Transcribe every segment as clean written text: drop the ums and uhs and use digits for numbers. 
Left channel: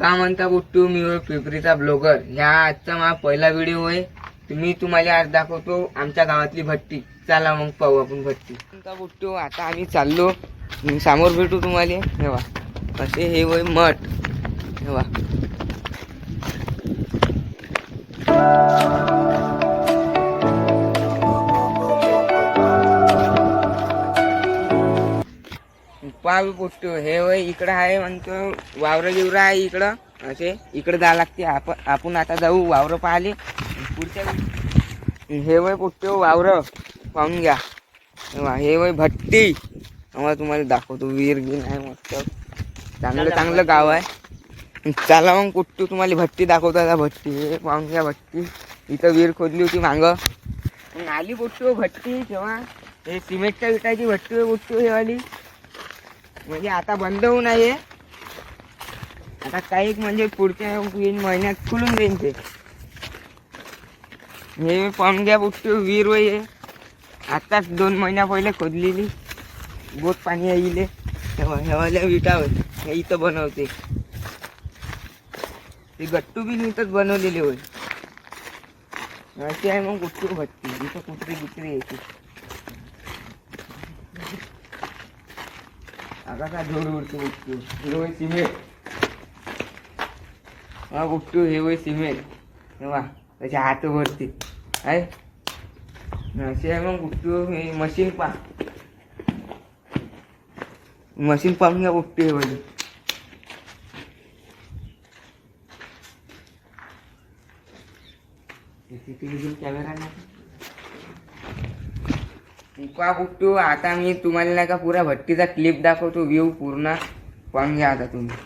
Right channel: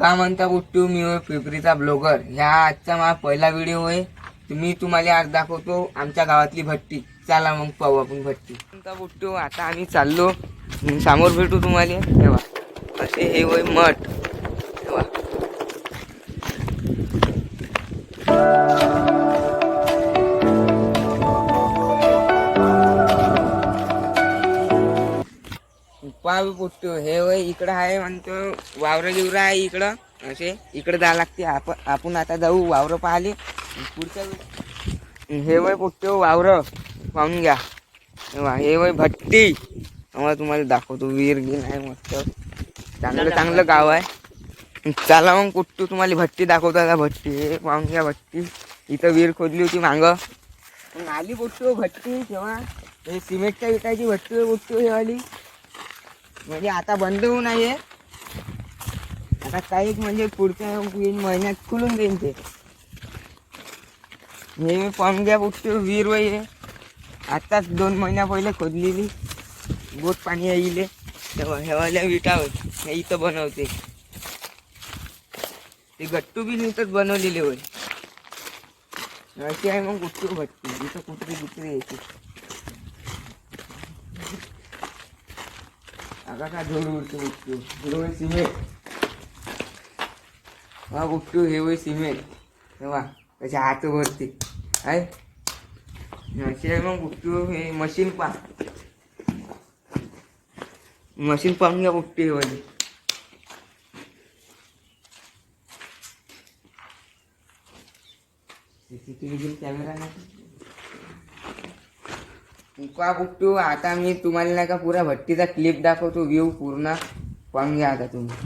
का म्हणता बुट्टू, मी होय पिपरीचा ब्लॉगर. ह्या आजचा माझा पहिला व्हिडिओ आहे. मी तुम्हाला आज दाखवतो आमच्या गावातली भट्टी. चला मग पाहू आपण भट्टी. म्हणता बुट्टू, आता आम्ही चाललो, समोर भेटू तुम्हाला. तेव्हा असे हे होय मठ. तेव्हा पाहू बुट्टू, हे होय इकडं आहे म्हणतो वावरं बिवरं आहे इकडं. असे इकडे जायला लागते. आपण आता जाऊ वावरं पाहिले पुढच्या. हे वय बुट्टू वावरं पाहून घ्या. हे वय भट्टी. तुम्हाला दाखवतो. विहीर गिन आहे मस्त, चांगलं गाव आहे. चला मग बुट्टू, तुम्हाला भट्टी दाखवतो. आता भट्टी हे पाहून घ्या. भट्टी इथं विहीर खोदली होती मागं. मग आली बुट्टू भट्टी. तेव्हा हे सिमेंटच्या विटाची भट्टी आहे बुट्टू हे वाली. म्हणजे आता बंद होऊ नये. आता काही म्हणजे पुढच्या महिन्यात खुलून देईन ते. हे पाहून घ्या बुट्टू विहीर वय. आताच 2 महिन्या पहिले खोदलेली. गोत पाणी येईल. हेवाल्या विटा होय हे इथं बनवते. ते गट्टू बी इथंच बनवलेले होय. असे आहे मग बुट्टू भट्टी. इथं कुठली यायची. आता जोड उडतो बुट्टू. हे वय सिमेंट. हा बुट्टू हे वय सिमेंट. तेव्हा त्याच्या हात भरती आहे. असे आहे मग बुट्टू हे मशीन मशीन पाहून घ्या बुट्टू हे वाली. कॅमेरा पहा बुट्टू, आता मी तुम्हाला नाही का पुरा भट्टीचा क्लिप दाखवतो. व्ह्यू पूर्ण पाहून घ्या आता तुम्ही.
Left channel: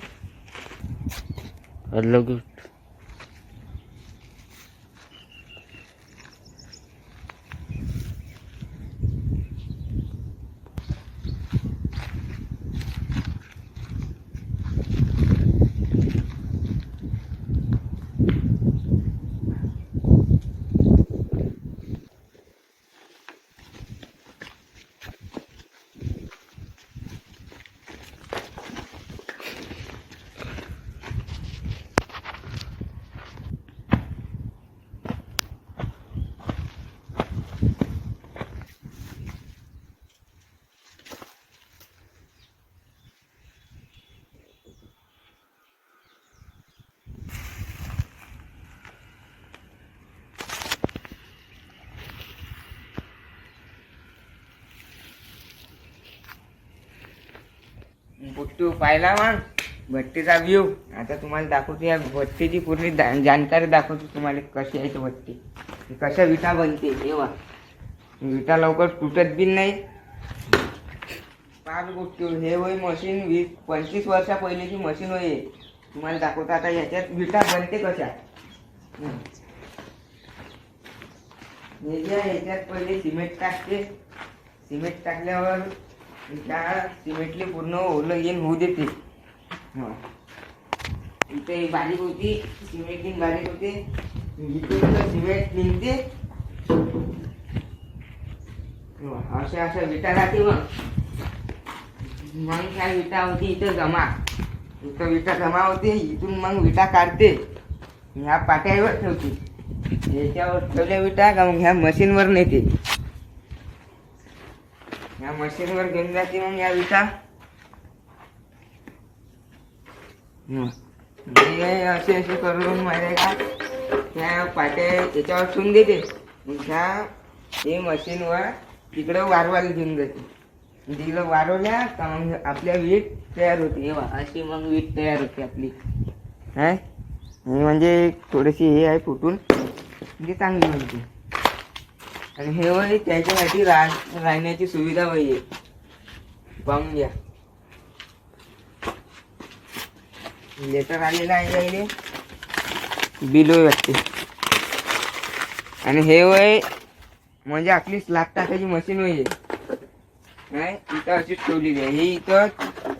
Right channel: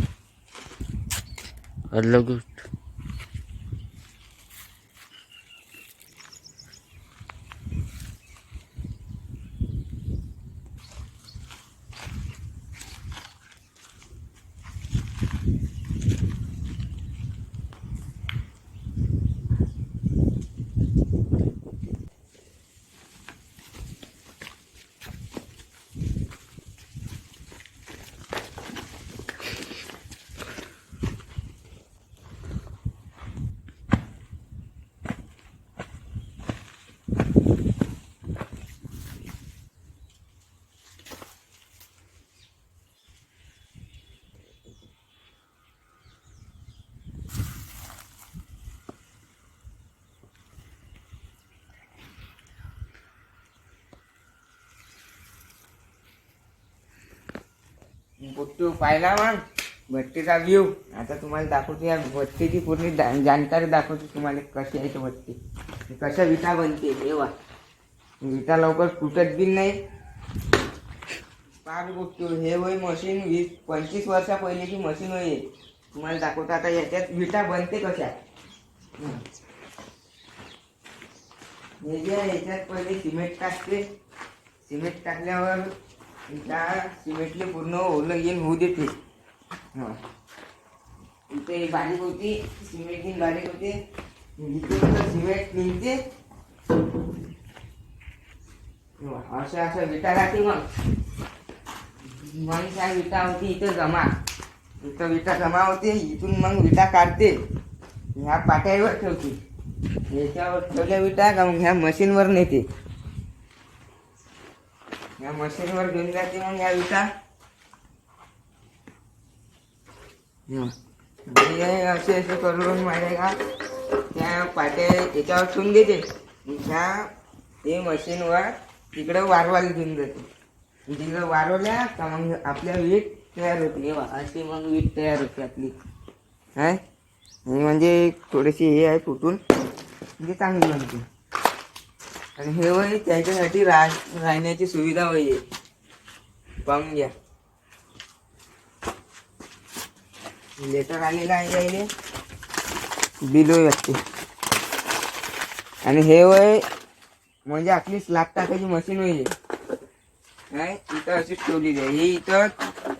बुट्टू पाहिला मग भट्टीचा व्ह्यू. आता तुम्हाला दाखवतो या भट्टीची पूर्ण जानकारी दाखवतो तुम्हाला. कशी आहे ती भट्टी, कशा विटा बनते. तेव्हा विटा लवकर तुटत बी नाही. पाच बुट्टू हे वय मशीन 20-25 वर्षा पहिल्याची मशीन होय. तुम्हाला दाखवतो आता याच्यात विटा बनते कशा. हे जे याच्यात पहिले सिमेंट टाकते. सिमेंट टाकल्यावर त्या सिमेंटले पूर्ण ओलं येऊन होऊ देते. इथे बारीक होती सिमेंट बारीक होते. इथून सिमेंट निघते. अशा विटा राहते. मग ह्या विटा होती इथं जमा. इथं विटा जमा होते. इथून मग विटा काढते. ह्या पाट्यावर ठेवते. याच्यावर ठेवल्या विटा का मग ह्या मशीनवर नेते. या मशीनवर घेऊन जाते मग या विटा. असे करून माहिती का त्या पाट्या याच्यावर ठेवून देते. ह्या हे मशीनवर तिकडे वारवायला घेऊन जाते. तिकडे वारवल्या का मग आपल्या वीट तयार होते. अशी मग वीट तयार होते आपली. हे म्हणजे थोडीशी हे आहे फुटून म्हणजे चांगली बनते. आणि हे वय त्याच्यासाठी राहण्याची सुविधा वय पाहून घ्या. लेटर आलेलं आहे त्याने बिल वाटते. आणि हे वय म्हणजे आपली स्लॅब टाकायची मशीन वय इथं अशीच ठेवलेली आहे. ही इथं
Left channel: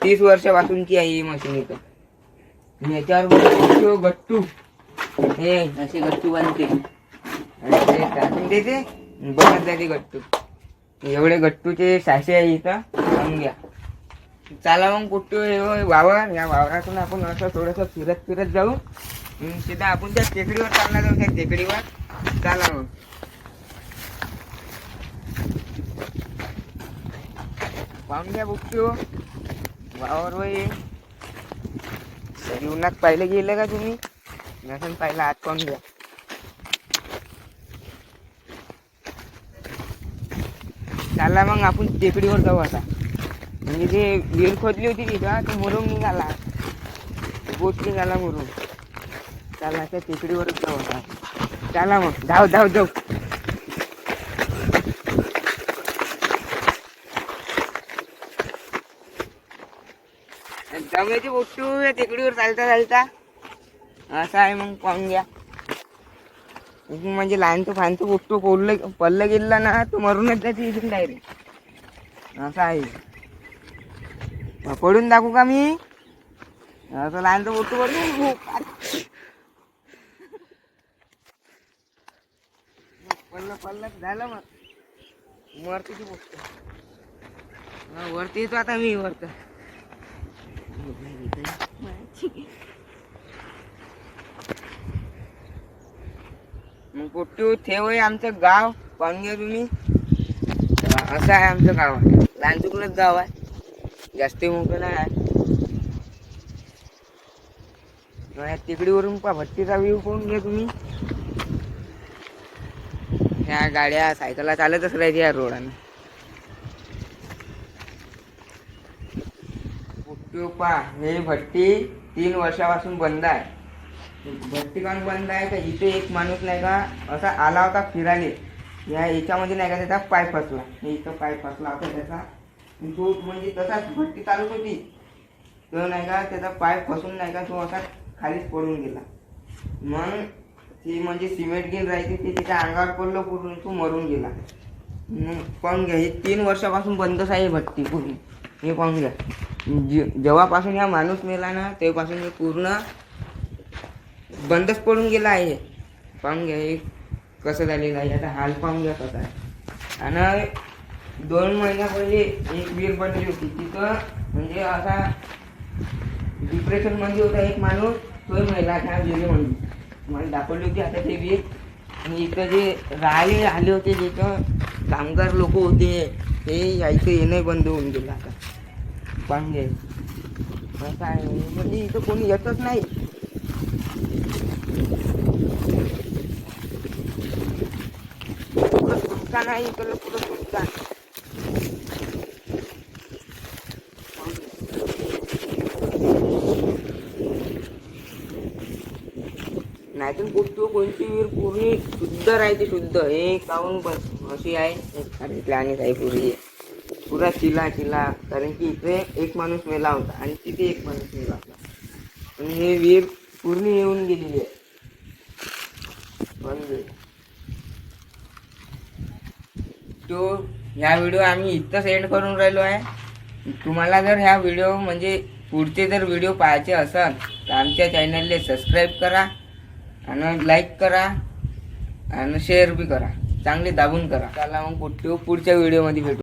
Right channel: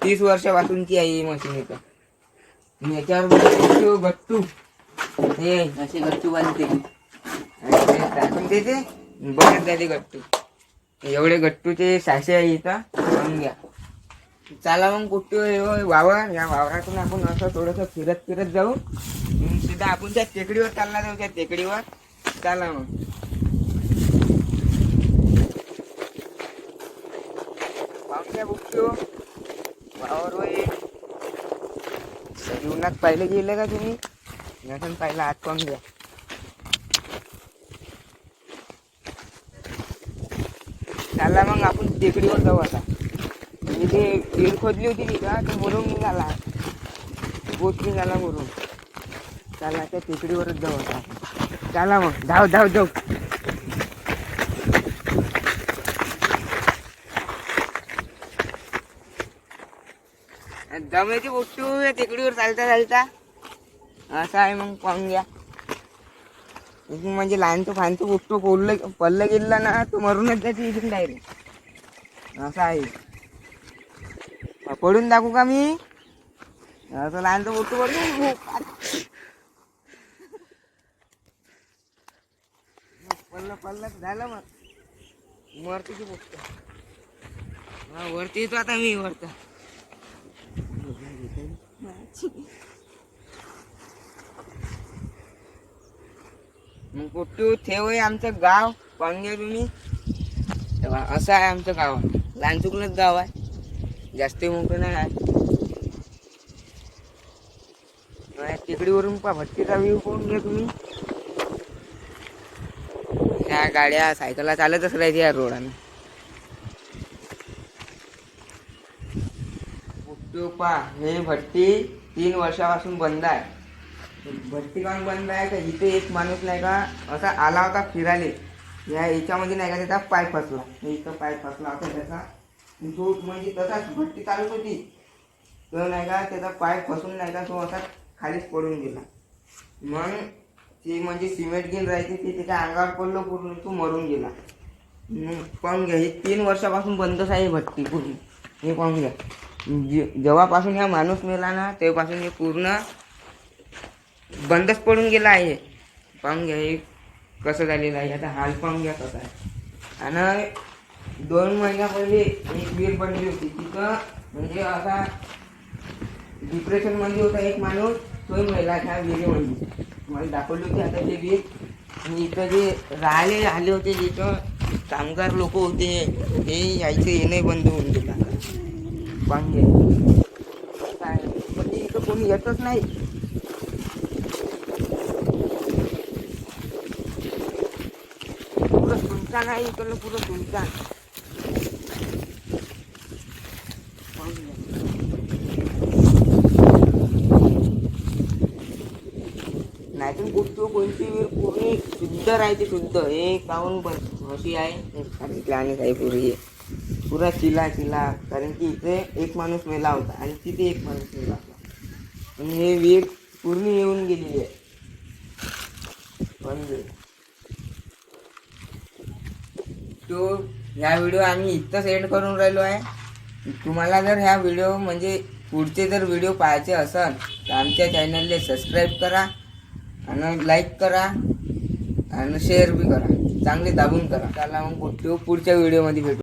30 वर्षापासूनची आहे ही मशीन इथं. याच्यावर गट्टू हे असे गट्टू बनते. टाकून देते बनत जाते गट्टू. एवढे गट्टूचे साचे आहे इथं पाहून घ्या. चला मग कुठे हे होय वावर, या वावरातून आपण असं थोडंसं फिरत फिरत जाऊ. सीधा आपण त्या टेकडीवर चालणार जाऊ, त्या टेकडीवर. चला मग. पाहून घ्या बुकटो वावर वय. जीवनात पाहिलं गेलं का तुम्ही? नसन पाहिलं आत पाहून घ्या. चला मग आपण टेकडीवर जाऊ आता. म्हणजे ते विहीर खोदली होती तिथं, ते मुरुम निघाला, बोट निघाला मुरुम. चला त्या टेकडीवरच जाऊ आता. चला मग धाव धाव जाऊ. दम्याची बोटू या टेकडीवर चालता चालता असं आहे. मग पाहून घ्या. म्हणजे लहानचं फानचं बोटू पडलं गेलं ना, तो मरूनच जाते इथून डायरेक्ट. असं आहे. पडून दाखवू का मी? असं लहानचं बोटू पडून पडलं झालं. मग वरती ती बोटू वरती येतो आता मी वरत. मग पोट्टू ठेव आहे आमचं गाव. पाहून घ्या तुम्ही. असं आहे आमचं गाव. लहान चुकलंच गाव आहे, जास्त मोठं नाही आहे. टेकडीवरून पा भट्टीचा व्ह्यू पाहून घ्या तुम्ही. त्या गाड्या सायकलला चालतच राहायची या रोडाने. पोट्टू पा हे भट्टी 3 वर्षापासून बंद आहे. भट्टी काऊन बंद आहे का? इथे एक माणूस नाही का असा आला होता फिराले. याच्यामध्ये नाही का त्याचा पाय फसला. इथं पाय फसला होता त्याचा. तो म्हणजे तसाच भट्टी चालत होती, तो नाही का त्याचा पाय फसून नाही का तो असा खालीच पडून गेला. मग ती म्हणजे सिमेंट घेऊन राहायची, ते त्याच्या अंगावर पडलं, पूर्ण तो मरून गेला. पाहून घ्या. हे 3 वर्षापासून बंदच आहे भट्टी पूर्ण. हे पाहून घ्या. जेव्हापासून हा माणूस मेला ना, तेव्हापासून हे पूर्ण बंदच पडून गेला आहे. पाहून घ्या हे कसं झालेलं आहे. आता हाल पाहून घ्या कसा आहे. आणि 2 महिन्या पहिले एक विहीर बनली होती तिथं. म्हणजे असा डिप्रेशन मध्ये होता एक माणूस, तोही मेला त्या विहिरीमध्ये. मला दाखवली होती आता ते विहीर. आणि इथं जे राहिले आले होते, जिथं कामगार लोक होते, ते यायचं येणे बंद होऊन गेलं. पाहून घ्या कसं आहे. म्हणजे इथं कोणी येतच नाही. पुरं सुनसान आहे इकडलं, पुरं सुनसान. नाहीतून पुढतो कोणती विहीर पूर्ण शुद्ध राहते, शुद्ध. हे काऊन पण अशी आहे प्लॅनेट आहे पूर्वी पुरा चिला. कारण की इथे एक माणूस मेला होता आणि तिथे एक माणूस मेला होता. आणि हे विहीर पूर्ण येऊन गेलेली आहे. पण तो ह्या व्हिडिओ आम्ही इथंच एंड करून राहिलो आहे. तुम्हाला जर ह्या व्हिडिओ म्हणजे पुढचे जर व्हिडिओ पाहायचे असेल तर आमच्या चॅनलला सबस्क्राईब करा आणि लाईक करा आणि शेअर बी करा, चांगले दाबून करा. चला मग पुढच्या व्हिडिओमध्ये भेटू.